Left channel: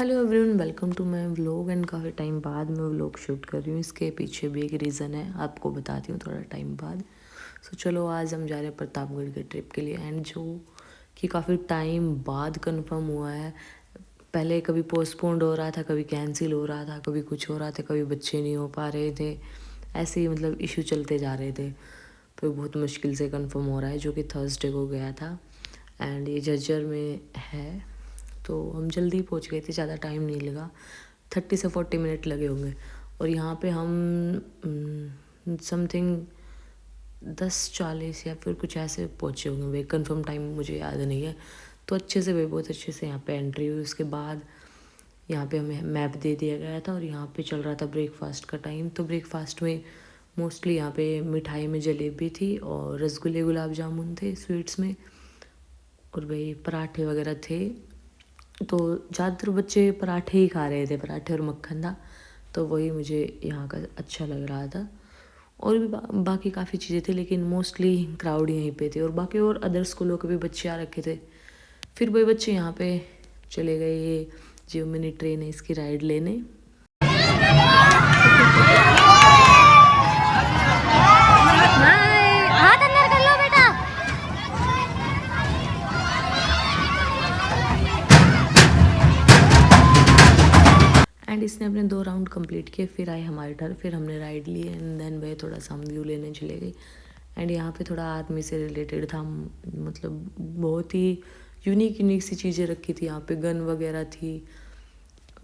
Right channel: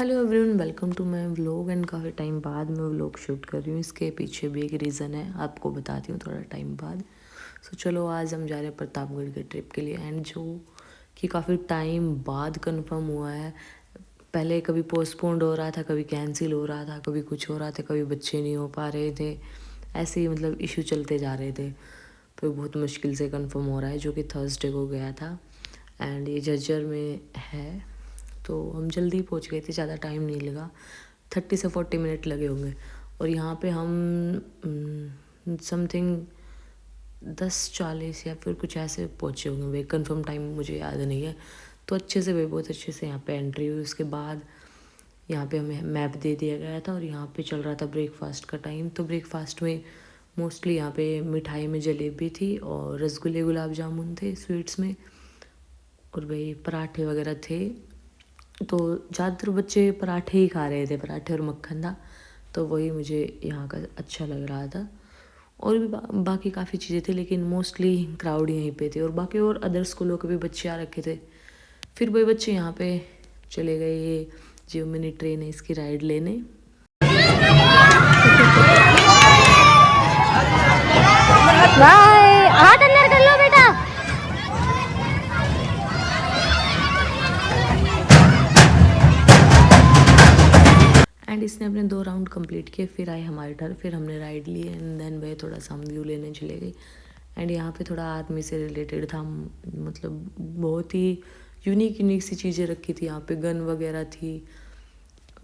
Hello everyone, welcome to my vlog. And काफ़ी time बाद मैं व्लॉग शूट कर रही हूँ। इसके पीछे भी एक रीज़न है, आपको बताती हूँ थोड़ा टाइम बाद। चलो आज हम जा रहे हैं प्रतापगढ़ के ट्रिप के लिए, एंड जो कि काफ़ी टाइम बाद कंफर्म हुआ है। पहले कभी पोस्टपोन्ड हो रहा था, कभी कैंसिल हो रहा था, कभी कुछ हो रहा था, कभी बच्चे नहीं हो पा रहे थे, ऐसे ही मतलब इशू चलते जा रहे थे। तो बहुत मुश्किल से कंफर्म हो रहा है, जो कि थर्सडे को गया था एंड ये झज्जर में है। तो हम जल्दी पहुंच गए थे, ज़्यादा टाइम नहीं लगा, 30 से 40 मिनट लगे होंगे। और यहाँ पे हम समथिंग 10:40 या फिर कुछ ऐसे पहुँचे होंगे, वे कंफर्म टाइम मुझे याद नहीं है। तो अच्छे से वे बहुत अच्छे से यहाँ पे एंट्री हुई। उसके बाद यहाँ पे हमें मैप दे दिया गया था और यहाँ पे चल रहा था ब्रेकफास्ट का टाइम। तो ब्रेकफास्ट में मोस्टली यहाँ पे मिठाई में जलेबी थी और रसगुल्ले गुलाब जामुन थे स्वीट्स में, और वही पराठे वगैरह थे। तो ज़्यादातर बच्चे पराठे ही खा रहे थे, पराठे और मक्खन था, तो वही मुझे यहाँ का अच्छा लग रहा था। और भी बाकी काफ़ी चीज़ें थी, लेकिन मोस्टली क्राउड यहीं पे थे। और बाकी और अदर स्कूलों के भी बच्चे आ रखे थे। फिर वही बच्चे यहाँ पे चले गए, ये जो मिनी ट्रेन है इसकी राइड लेने। बाय, हाथ अंदर कर लो बेटा। एंड इसने अपने 2 राउंड कंप्लीट किए, फिर आए हमारे टर्न, फिर हमने राइड ली एंड देन वह थोड़ा सा हम व्यू लेने चले गए। एंड यहाँ पे थोड़ा आर्मी से रिलेटेड था, मतलब बहुत ही यूनिक सी चीज़ें रखी थी यहाँ पे, गन वगैरह थी,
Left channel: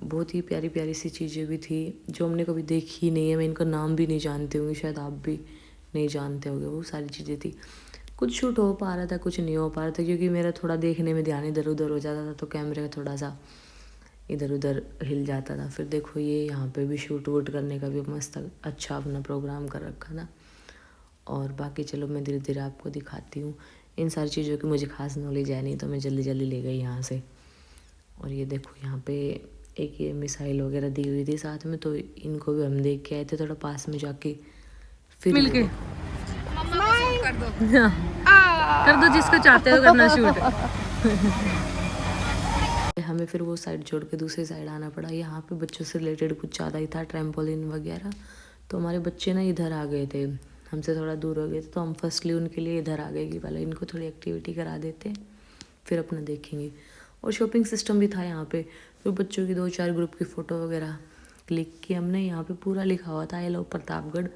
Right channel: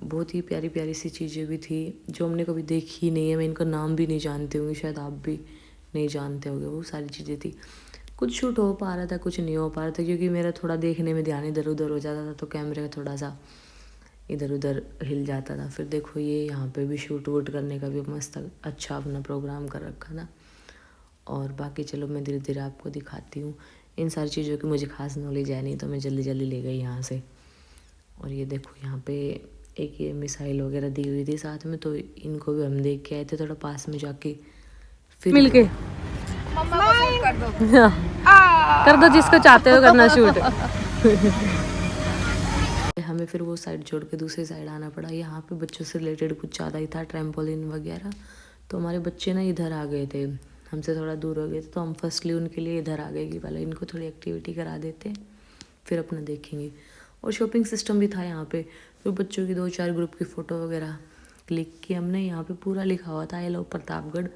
बहुत ही प्यारी प्यारी सी चीज़ें भी थी जो हमने कभी देखी नहीं है। मैं इनका नाम भी नहीं जानती होंगी, शायद आप भी नहीं जानते होंगे। वो सारी चीज़ें थी, कुछ शूट हो पा रहा था, कुछ नहीं हो पा रहा था, क्योंकि मेरा थोड़ा देखने में ध्यान इधर उधर हो जाता था, तो कैमरे का थोड़ा सा इधर उधर हिल जाता था। फिर देखो ये यहाँ पे भी शूट वूट करने का भी मस्त अच्छा अपना प्रोग्राम कर रखा था। और बाकी चलो मैं धीरे धीरे आपको दिखाती हूँ। इन सारी चीज़ों की मुझे खास नॉलेज है नहीं, तो मैं जल्दी जल्दी ले गई यहाँ से। और ये देखो यहाँ पे एक ये मिसाइल वगैरह दी हुई थी साथ में, तो इनको भी हम देख के आए थे थोड़ा पास में जाके। फिर मिलके मम्मा को शूट कर दो। कर दो जिसको चाहते हो करना शूट। हमें फिर वो साइड छोड़ के दूसरी साइड आना पड़ा। यहाँ पे बच्चों से रिलेटेड कुछ ज़्यादा ही था, ट्रैम्पोलिन वगैरह। तो हमारे बच्चे ना इधर आ गए थे, हमसे थोड़ा दूर हो गए थे, तो हम फर्स्टली उनके लिए इधर आ गए कि पहले इनको थोड़ी एक्टिविटी करा देते हैं, फिर अपना देखेंगे। और शॉपिंग सिस्टम भी था यहाँ पे, तो बच्चों की 2-4 ग्रुप की फ़ोटो वगैरह क्लिक की हमने। यहाँ पे पूरा लिखा हुआ था आई लव प्रतापगढ़,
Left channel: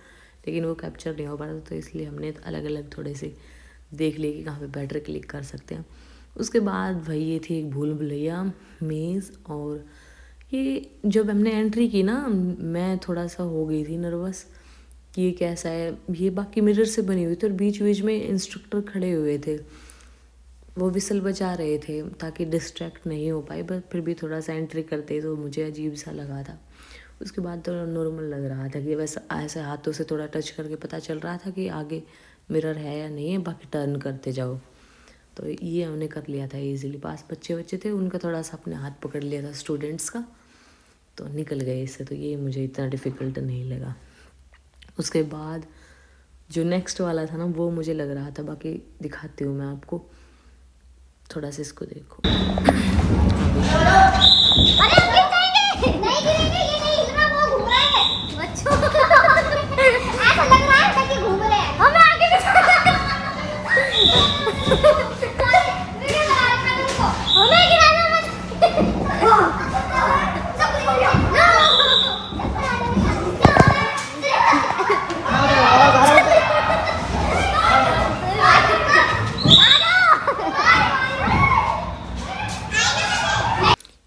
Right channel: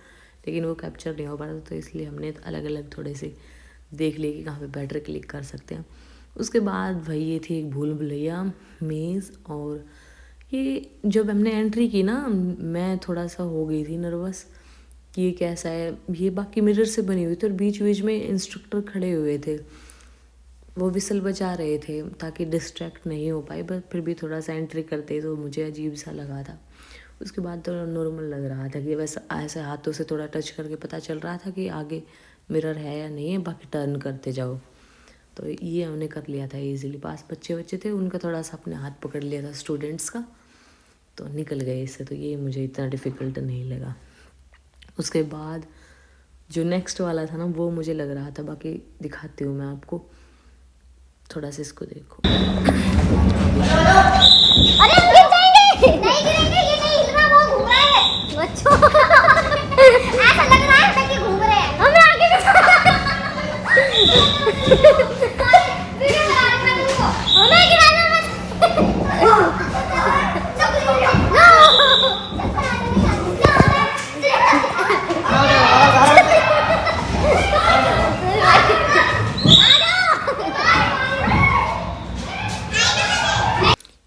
लेकिन वो कैप्चर नहीं हो पा रहा था, तो इसलिए हमने अलग अलग थोड़े से देख लिए कि कहाँ पे बेटर क्लिक कर सकते हैं। उसके बाद भाई ये थी एक भूल भुलैया मेज़। और ये जब हमने एंट्री की ना, मैं थोड़ा सा हो गई थी नर्वस कि ये कैसा है। ये बाकी मिरर से बनी हुई थी और बीच बीच में इंस्ट्रक्टर खड़े हुए थे, वो विसल बजा रहे थे ताकि डिस्ट्रैक्ट नहीं हो पाए, बट फिर भी थोड़ा सा एंट्री करते तो मुझे अजीब सा लगा था। उसके बाद तो नॉर्मल लग रहा था कि वैसे ऐसे हाथों से थोड़ा टच करके पता चल रहा था कि आगे मिरर है या नहीं है, बाकी टर्न करते जाओ। तो ये हमने कर लिया था इजीली। पास बच्चे थे, उनका थोड़ा सा अपने हाथ पकड़ लिया था स्टूडेंट्स का, तो निकल गए इससे, तो ये मुझे इतना डिफ़िकल्ट नहीं लगा। उसके बाद जो नेक्स्ट वाला था ना, वो मुझे लग रहा था, बाकी दिखाती हूँ मैं आपको, थोड़ा सा इसको देखो। अरे हम गिर जाएंगे। नहीं गिरेंगे, ये नहीं इतना वो घूम रहा है बच्चों। ऐसा लग रहा है कि घूम रहे हैं, हमें आगे भी जाना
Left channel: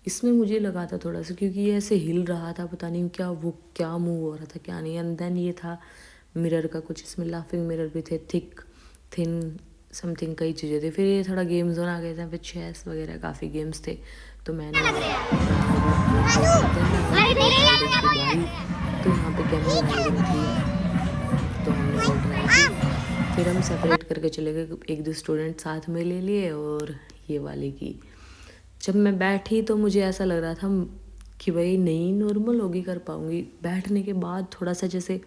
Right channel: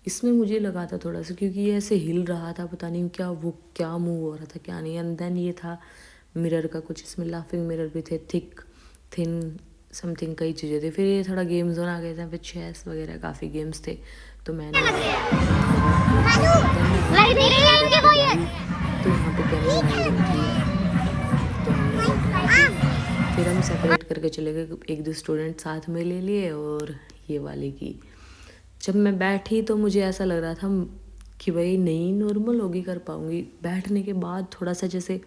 इसमें मुझे लगा था थोड़ा सा, क्योंकि ये ऐसे हिल रहा था, पता नहीं क्या वो क्या मूव हो रहा था क्या नहीं। एंड देन ये था मिरर का कुछ, इसमें लाफिंग मिरर भी थे, थिक थिन समथिंग कई चीज़ें थी। फिर ये थोड़ा गेम जोन आ गए थे, फिर चेस वगैरह काफ़ी गेम्स थे, तो मैंने तो यहाँ पे कैमल राइडिंग थी, तो हमने वो ट्राई की। फिर हम सेपरेट करके चले गए, 1-2 स्टूडेंट साथ में ले लिए और ये वाली की। जब मैं बैठी तो मुझे ऐसा लग रहा था कि भाई नहीं नॉर्मल होगी, कर पाऊँगी। बैठने के बाद थोड़ा सा जैसे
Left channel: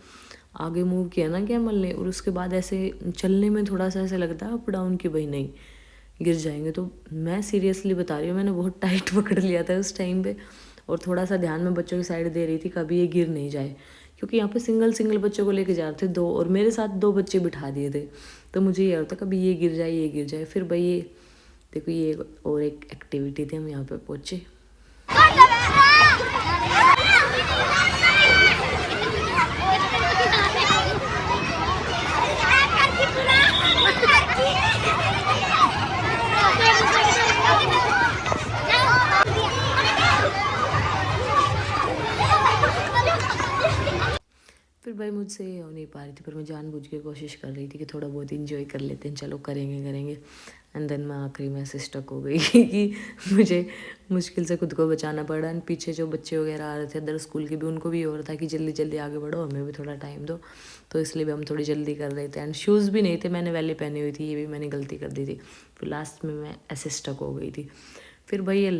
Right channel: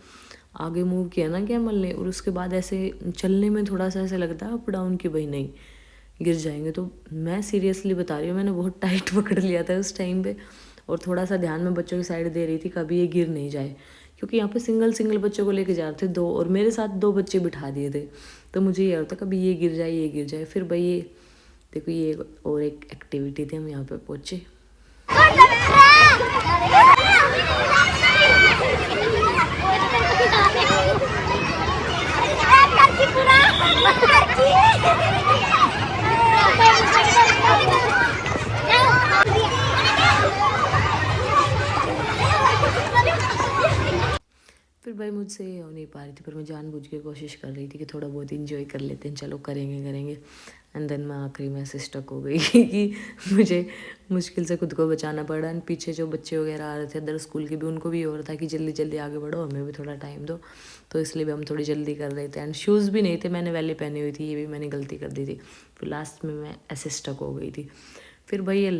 आगे मूव किया ना कैमल ने, और उसके बाद ऐसे चलने में थोड़ा सा ऐसे लगता है अप डाउन कि भाई नहीं गिर जाएंगे। तो मैं सीरियसली बता रही हूँ, मैंने बहुत टाइट पकड़ लिया था उस टाइम पे, और थोड़ा सा ध्यान में बच्चों की साइड दे रही थी कभी ये गिर नहीं जाए, क्योंकि यहाँ पे सिंगल बच्चों को लेके जा रहे थे 2, और मेरे साथ 2 बच्चे बिठा दिए थे। तो मुझे ये होता कभी ये गिर जाए ये गिर जाए। फिर भाई ये देखो ये और एक एक्टिविटी थी, हम यहाँ पे पहुँचे। फिर भाई मुझसे हो नहीं पा रही थी, पर मैं जानबूझ के कोशिश कर रही थी कि थोड़ा बहुत इंजॉय कर लेते हैं, चलो करेंगे। एंड देन मैं आखिरी में ऐसे स्टक हो गई कि मुझे मुश्किल से खुद को बचाना पड़ा। एंड पीछे जो बच्चे वगैरह आ रहे थे अदर स्कूल के भी, उनको भी हो रहा था कि जल्दी आगे बढ़ो, हमें भी थोड़ा टाइम दो। तो इसलिए भी हम थोड़ी जल्दी कर रहे थे। एंड शूज़ भी नहीं थे, मैंने वैली पहनी हुई थी, ये भी मैंने गलती कर दी थी। फिर लास्ट में मैं ऐसे स्टक हो गई थी। फिर भाई ये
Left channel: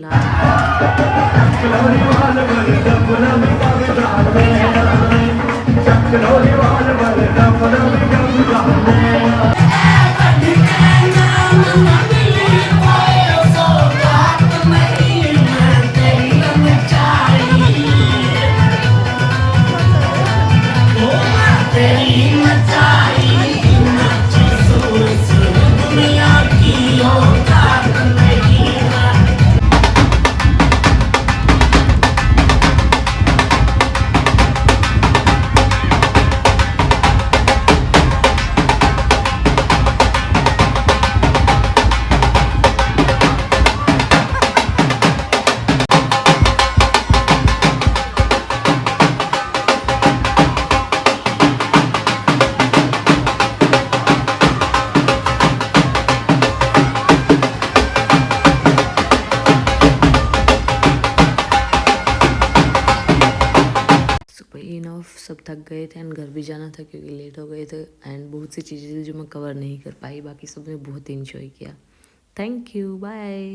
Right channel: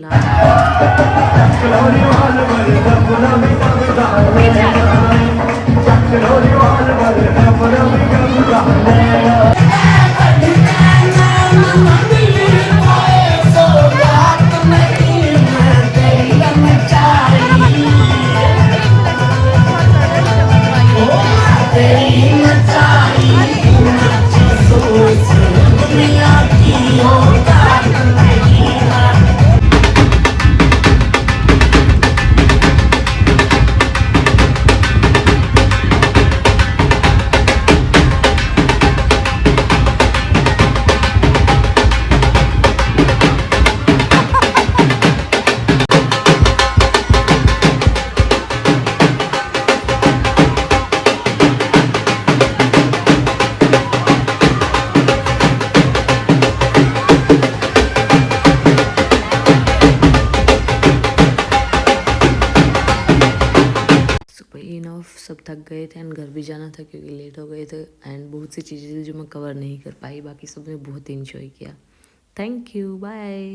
सब थक गए थे एंड घर भी जाना था क्योंकि लेट हो गए थे। एंड बहुत सी चीज़ें जो मैं कवर नहीं कर पाई, बाकी सब ने बहुत इंजॉय किया। Thank you, bye.